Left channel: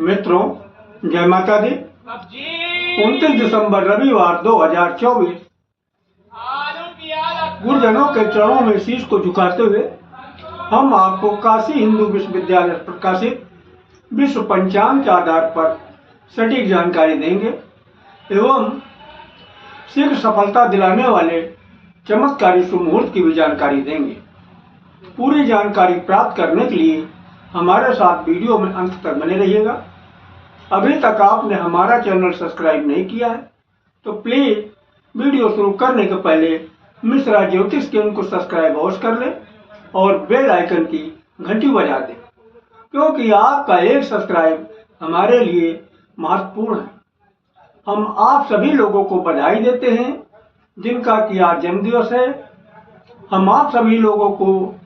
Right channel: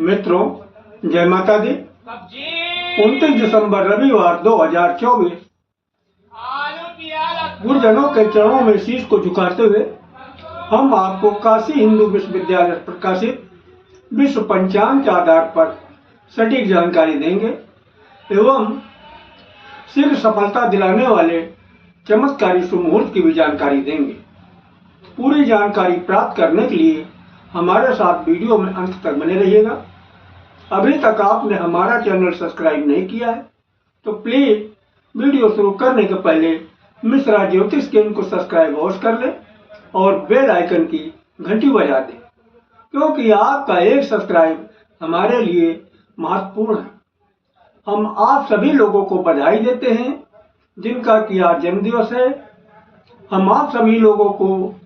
मित्रों, जय माता दी। 29 दिसंबर रविवार 2024 गुरुजनों के चरणों में शीश को झुकाते हुए हम आपको काशी हिंदू विश्वविद्यालय प्रकाशित विश्व पंचांग के आधार पर सटीक जानकारी देंगे एवं शीघ्र सफलता दिलाने वाले चमत्कारी शुभ मुहूर्त की भी जानकारी देंगे। पूरी जानकारी प्राप्त करने के लिए हमारे साथ वीडियो में अंत तक बने रहिएगा। अभी तक आपने हमारा चैनल सब्सक्राइब नहीं किया है तो प्लीज वीडियो शुरू करने के पहले मिश्रा ज्योतिष केंद्र को सब्सक्राइब अवश्य कर लें और बेल आइकन की घंटी बजा दें, क्योंकि आपका एक सब्सक्राइब हमारे लिए महत्वपूर्ण है। हम आप सभी लोगों को बधाई देते हैं जिनका कि आज जन्मदिवस है। हम आप सभी लोगों को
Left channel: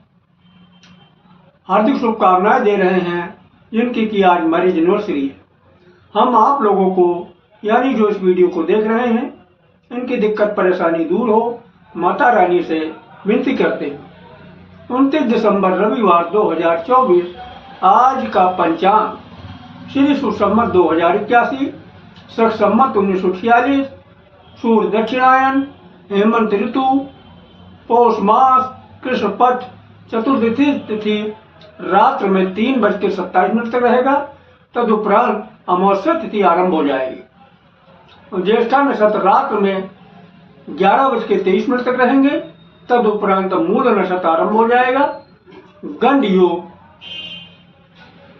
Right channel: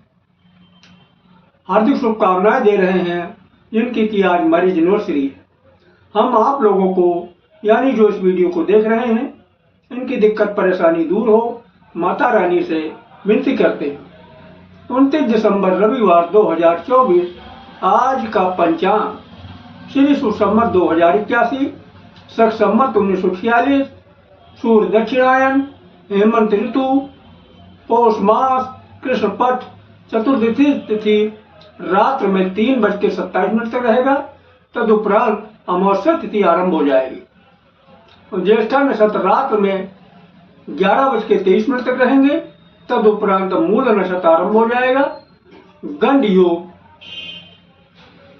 हार्दिक शुभकामनाएं दे रहे हैं जिनकी कि आज मैरिज एनिवर्सरी है। हम आप लोगों को यानी जो इस वीडियो को देख रहे हैं इनकी दिक्कत परेशानी दूर हो माता रानी से विनती करते हैं। 29 दिसंबर रविवार 2024 आज का पंचांग श्री सुसंवत 2081 शक संवत 1946 सूर्य दक्षिणायन हेमंत ऋतु पौष मास कृष्ण पक्ष चतुर्दशी तिथि रात्र में 3:27 तक रहेगा। तदुपरांत अमावस्या तिथि आरंभ हो जाएगी। ज्येष्ठा नक्षत्र रात्र में 11:23 तक रहेंगे। तदुपरांत मूल नक्षत्र आरंभ हो जाएगा। गंड योग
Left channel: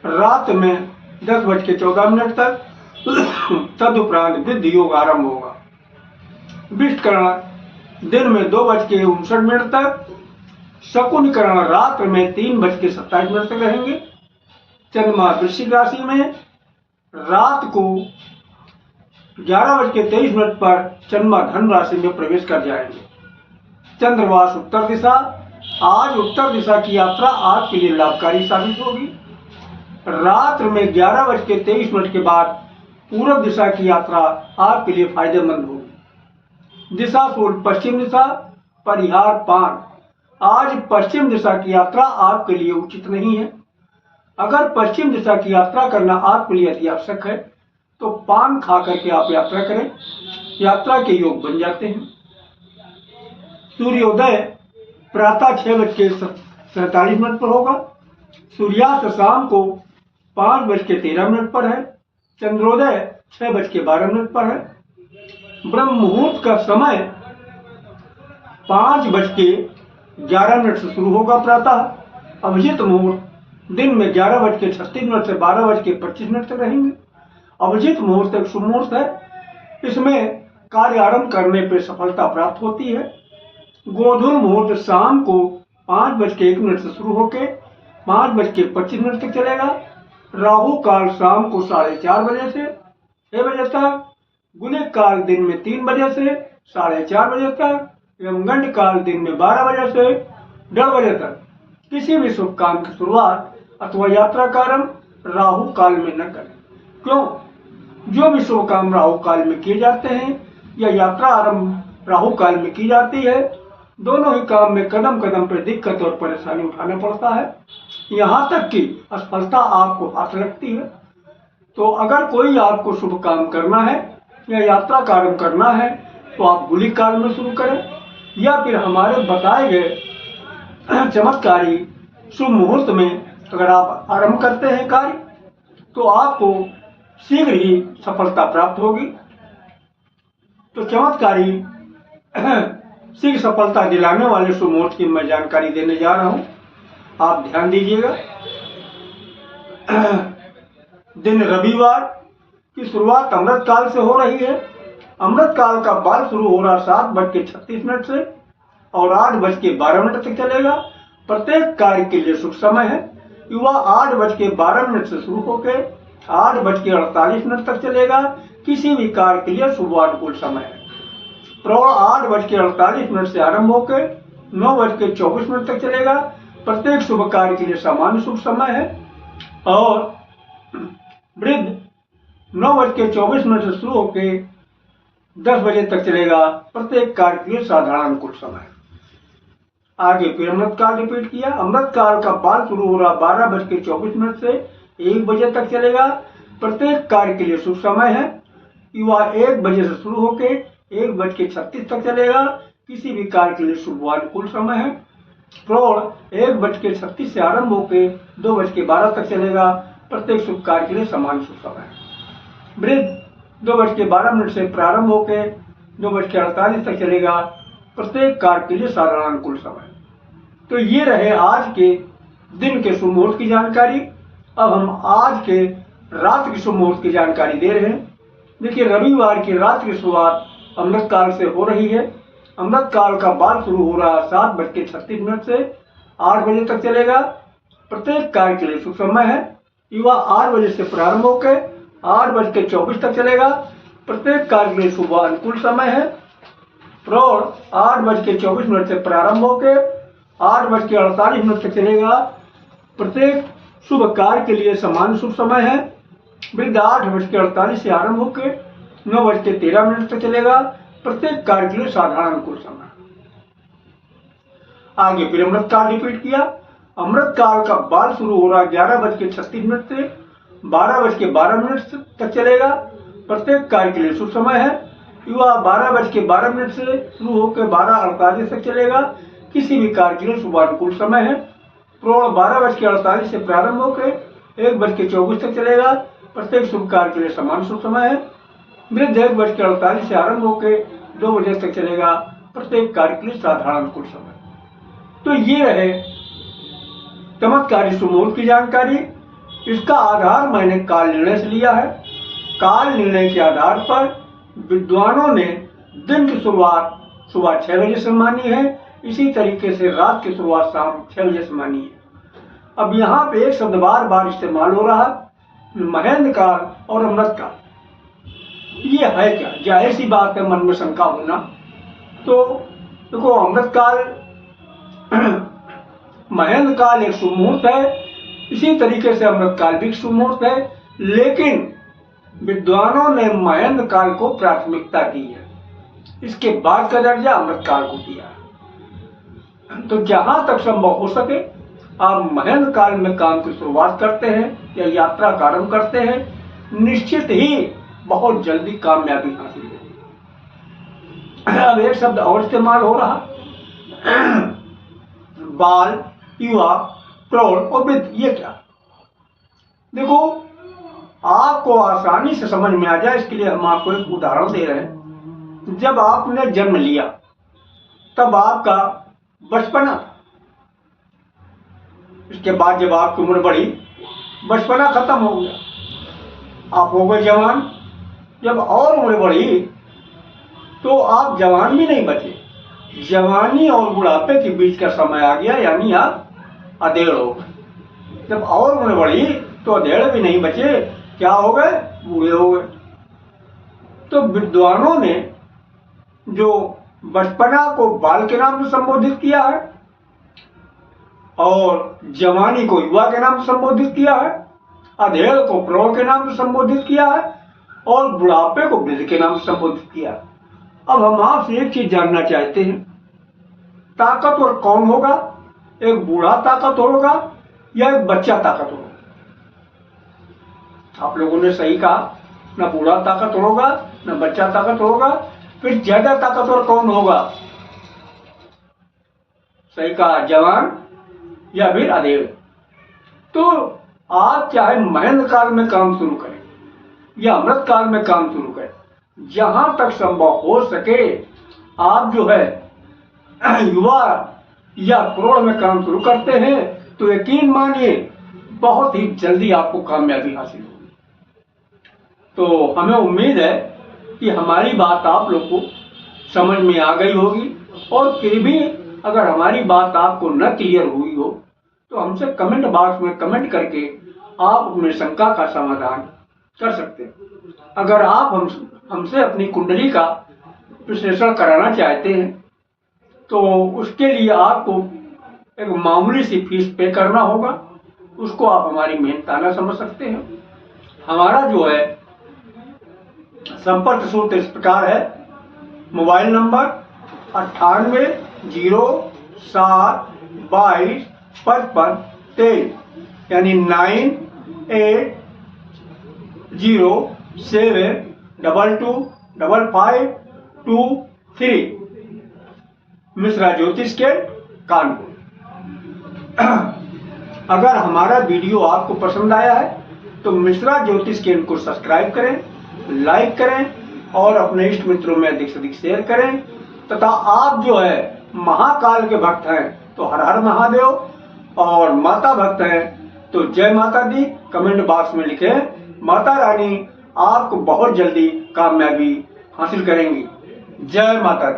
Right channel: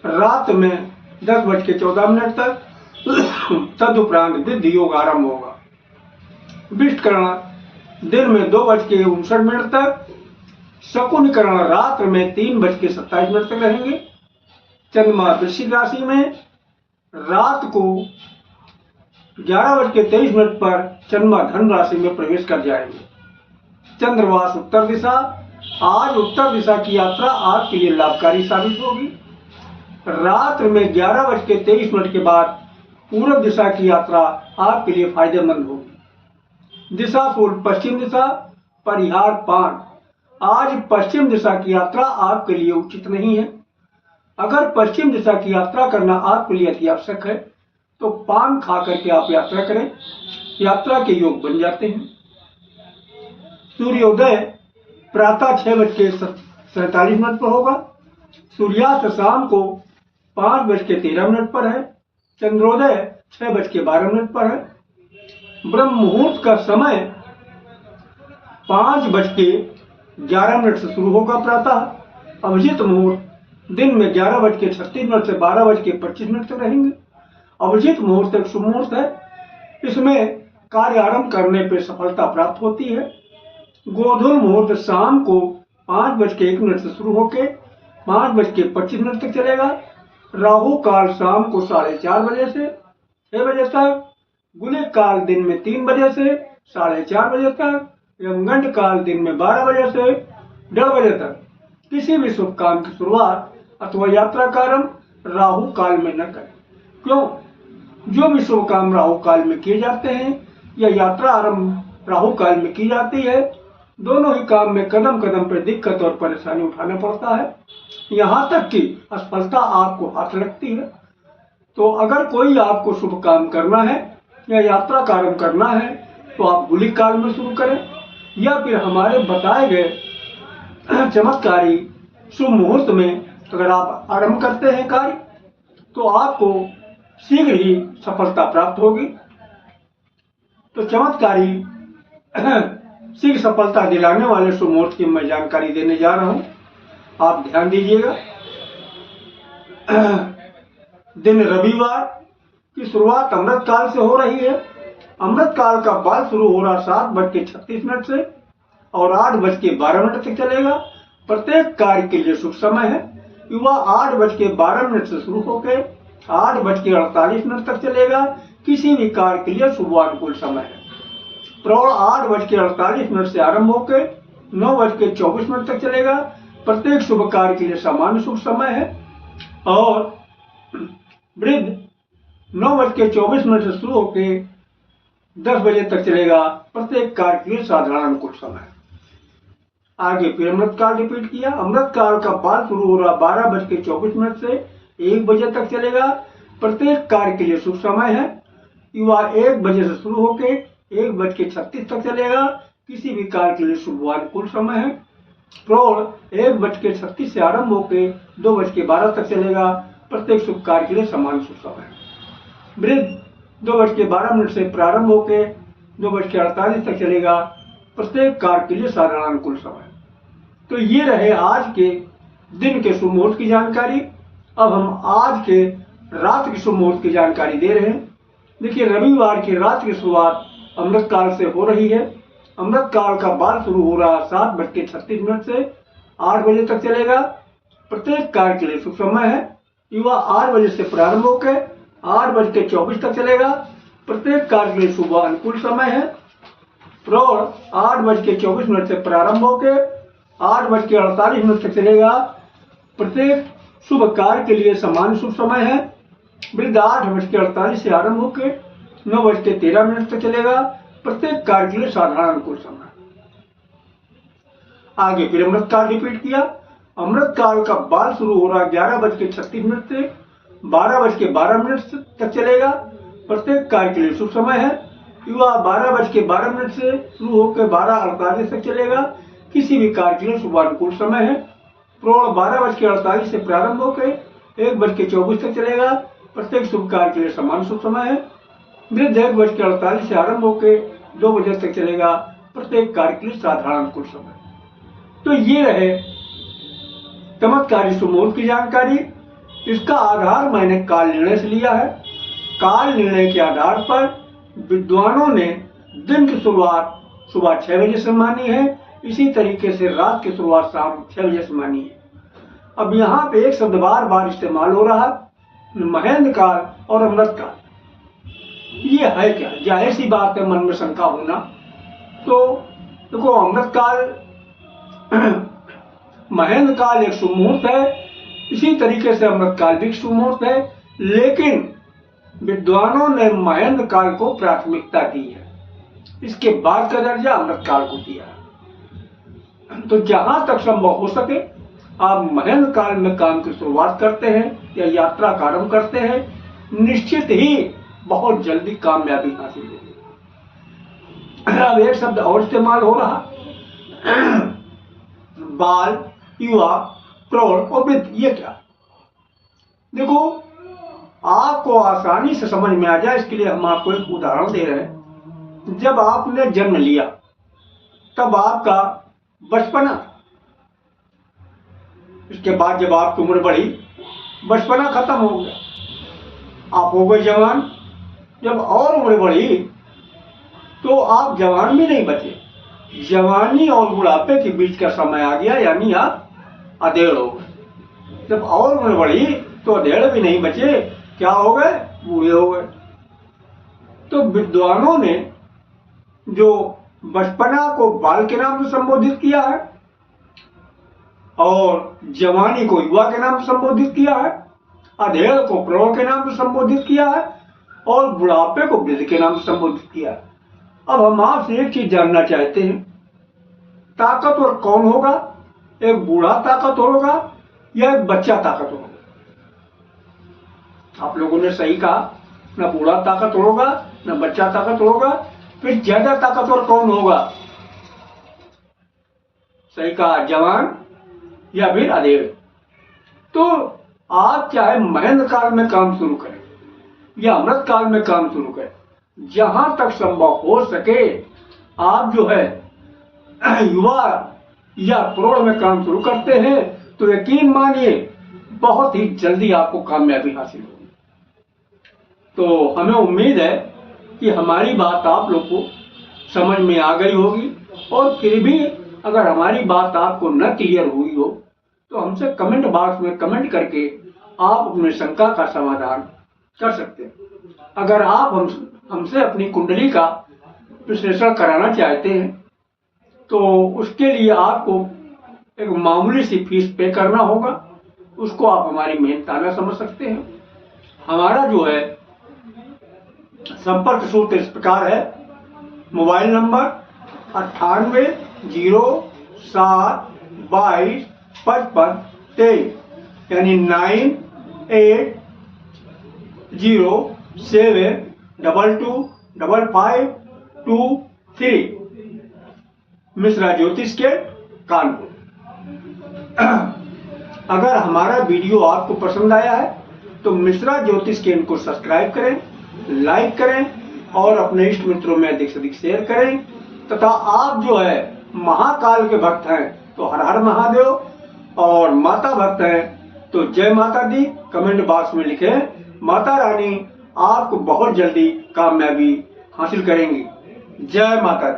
रात में 10:14 तक तदुपरांत वृद्धि योग आरंभ होगा। विष्टकरण दिन में 2:59 तक, शकुन करण रात्र में 3:27 तक रहेंगे। चंद्रमा वृश्चिक राशि में रात को 11:23 पर चंद्रमा धनु राशि में प्रवेश कर जाएंगे। चंद्रवास उत्तर दिशा, आज उत्तर दिशा की यात्रा आपके लिए लाभकारी साबित होगी। रात्र में 11:23 के बाद पूर्व दिशा की यात्रा आपके लिए फायदेमंद होगी। दिशा शूल पश्चिम दिशा, परिहार पान, आज पश्चिम दिशा की यात्रा आपके लिए उचित नहीं है। अगर पश्चिम दिशा की यात्रा करना आपके लिए अति आवश्यक है तो पान खा करके आप यात्रा करें, यात्रा के योग बन जाते हैं। सूर्योदय प्रातः 6:47 पर होगा। सूर्यास्त शाम को 5:13 पर है। चंद्रोदय 6:12 पर है। ब्रह्म मुहूर्त का समय 5:11 से शुरू होगा प्रातः। अभिजीत मुहूर्त दिन में 11:36 से 12:25 तक रहेंगे। अभिजीत मुहूर्त एक शुभ मुहूर्त है, इसमें कार्य आरंभ करने पर सफलता प्राप्त होती है। गोधूल मुहूर्त शाम को 5:01 से शुरू होकर 5:25 तक चलेगा। राहु काल शाम को 4:30 बजे से 6 बजे तक, गुलिक काल दिन में 3 बजे से 4:30 बजे तक एवं गंड काल दिन में 12 बजे से 1:30 बजे तक। किसी भी शुभ काम की शुरुआत अथवा यात्रा का आरंभ राहु काल में न करें। क्यों? जो भी शुभ काम राहु काल में किए जाते हैं या यात्रा आरंभ राहु काल में की जाती है, दोनों ही काम में कदम कदम पर दिक्कत और परेशानी उठाना पड़ता है, यहाँ तक कि असफलता आपको हाथ लगती है। तो अगर कोई आपको शुभ काम करना है या यात्रा का आरंभ करना है तो आप गुलिक काल में शुरू करें या फिर हमारे बताए गए चमत्कारी शुभ मुहूर्त में अगर आप आरंभ करते हैं कार्य तो आपको शीघ्र ही सफलता प्राप्त होगी। तो चमत्कारी शीघ्र सफलता दिलाने वाले शुभ मुहूर्त की मैं जानकारी देने जा रहा हूं, आप ध्यान दीजिएगा। दिन रविवार की शुरुआत अमृत काल से हो रही है। अमृत काल का बाल शुरू हो रहा 7:36 से और 8:12 तक चलेगा। प्रत्येक कार्य के लिए शुभ समय है। युवा 8:12 से शुरू होकर 8:48 तक चलेगा। किसी भी कार्य के लिए शुभ अनुकूल समय है। प्रौढ़ 8:48 से आरंभ होकर 9:24 तक चलेगा। प्रत्येक शुभ कार्य के लिए सामान्य शुभ समय है। और वृद्ध 9:24 से शुरू होकर 10 बजे तक चलेगा। प्रत्येक कार्य के लिए साधारण अनुकूल समय है। आगे फिर अमृत काल रिपीट किया। अमृत काल का बाल शुरू हो रहा 12:24 से 1 बजे तक चलेगा। प्रत्येक कार्य के लिए शुभ समय है। युवा 1 बजे से शुरू होकर 1:36 तक चलेगा। किसी भी कार्य के लिए शुभ व अनुकूल समय है। प्रौढ़ 1:36 से आरंभ होकर 2:12 तक चलेगा। प्रत्येक शुभ कार्य के लिए समान शुभ समय है। वृद्ध 2:12 से प्रारंभ होकर 2:48 तक चलेगा। प्रत्येक कार्य के लिए साधारण अनुकूल समय। तो ये रहे आज के दिन के शुभ मुहूर्त की जानकारी। अब हम आज के रात की शुभ मुहूर्त की जानकारी दे रहे हैं। देखिए, रविवार की रात की शुरुआत अमृत काल से हो रही है। अमृत काल का बाल शुरू हो रहा 7:36 से 8 बजे तक चलेगा। प्रत्येक कार्य के लिए शुभ समय है। युवा 8 बजे से प्रारंभ होकर 8:24 तक चलेगा। प्रत्येक कार्य के लिए शुभ अनुकूल समय है। प्रौढ़ 8:24 से प्रारंभ होकर 8:48 तक चलेगा। प्रत्येक शुभ कार्य के लिए समान शुभ समय है। वृद्ध 8:48 से आरंभ होकर 9:13 तक चलेगा। प्रत्येक कार्य के लिए साधारण अनुकूल समय। आगे फिर अमृत काल रिपीट किया। अमृत काल का बाल शुरू हो रहा 11:36 से 12:12 तक चलेगा। प्रत्येक कार्य के लिए शुभ समय है। युवा 12:12 से शुरू होकर 12:48 तक चलेगा। किसी भी कार्य के लिए शुभ अनुकूल समय है। प्रौढ़ 12:48 से प्रारंभ होकर 1:24 तक चलेगा। प्रत्येक शुभ कार्य के लिए समान शुभ समय है। वृद्ध 1:48 से आरंभ होकर 2 बजे तक चलेगा। प्रत्येक कार्य के लिए साधारण अनुकूल समय। तो ये रहे चमत्कारी शुभ मुहूर्त की जानकारी। इसका आधार मैंने काल निर्णय से लिया है। काल निर्णय के आधार पर विद्वानों ने दिन की शुरुआत सुबह 6 बजे से मानी है। इसी तरीके से रात की शुरुआत शाम 6 बजे से मानी है। अब यहाँ पे एक शब्द बार बार इस्तेमाल हो रहा है, महेंद्र काल और अमृत काल। ये है क्या? जाहिर सी बात है मन में शंका होना। तो देखो, अमृत काल महेंद्र काल एक शुभ मुहूर्त है। इसी तरीके से अमृत काल भी शुभ मुहूर्त है, लेकिन विद्वानों ने महेंद्र काल को प्राथमिकता दी है। इसके बाद का दर्जा अमृत काल को दिया। तो जहां तक संभव हो सके आप महेंद्र काल में काम की शुरुआत करते हैं या यात्रा का आरंभ करते हैं, निश्चित ही बहुत जल्दी कामयाबी हासिल होगी। अब एक शब्द और इस्तेमाल हो रहा, बाल, युवा, प्रौढ़ और वृद्ध। ये क्या? देखो, आपको आसानी से समझ में आ जाए इसके लिए हम आपको एक उदाहरण दे रहे हैं। जब आपने जन्म लिया तब आपका बचपना था। इसके बाद जब आपकी उम्र बढ़ी, बचपना खत्म हो गया, आप हो गए जवान। जब और उम्र बढ़ी तो आप जवान भी नहीं बचे। जवानी और बुढ़ापे के बीच का समय आ गया, यानी आप अधेड़ हो गए। जब और उम्र बढ़ी तो अधेड़ भी नहीं बचे, क्या हो गए? बूढ़े हो गए। तो विद्वानों ने जो बचपना को बाल के नाम से संबोधित किया है और जवानी को युवा के नाम से संबोधित किया है, अधेड़ को प्रौढ़ के नाम से संबोधित किया है और बुढ़ापे को वृद्ध के नाम से संबोधित किया है। अब हम आपसे एक चीज जानना चाहते हैं, ताकतवर कौन होगा? एक बूढ़ा ताकतवर होगा या एक बच्चा ताकतवर होगा? आप लोगों ने सही कहा, ना बूढ़ा ताकतवर होगा ना बच्चा ताकतवर होगा। फिर ज्यादा ताकतवर कौन होगा? सही कहा, जवान या फिर अधेड़। तो आप चाहे महेंद्र काल में काम शुरू करें या अमृत काल में काम शुरू करें, जहां तक संभव हो सके आप जो है युवा या प्रौढ़ में काम शुरू करते हैं तो यकीन मानिए बहुत ही जल्दी आपको कामयाबी हासिल होगी। तो हमें उम्मीद है कि हमारी बात आप लोग को समझ में आ गई होगी, और फिर भी अगर हमारी बात आपको न क्लियर हुई हो तो हमसे कमेंट बॉक्स में कमेंट करके आप अपनी शंका का समाधान कर सकते हैं। अगर आप हमसे अपनी कुंडली का विश्लेषण कराना चाहते हैं तो उसके लिए आपको एक मामूली सी फीस पे करना होगा। उसको आप हमारी मेहनताना समझ सकते हैं। हमारा जो है संपर्क सूत्र इस प्रकार है, मोबाइल नंबर 9807225523, यानी 9807225523। 072255223 मिश्रा ज्योतिष के कानपुर। अगर हमारा वीडियो आपको पसंद आया है तो मिश्रा ज्योतिष केंद्र को सब्सक्राइब करें, लाइक करें और अपने इष्ट मित्रों में अधिक से अधिक शेयर करें। तथा आप जो है महाकाल के भक्त हैं तो हर हर महादेव, और माता भक्त हैं तो जय माता दी कमेंट बॉक्स में लिखें। माता रानी आपको बहुत जल्दी कामयाबी हासिल करेंगी। जय माता दी।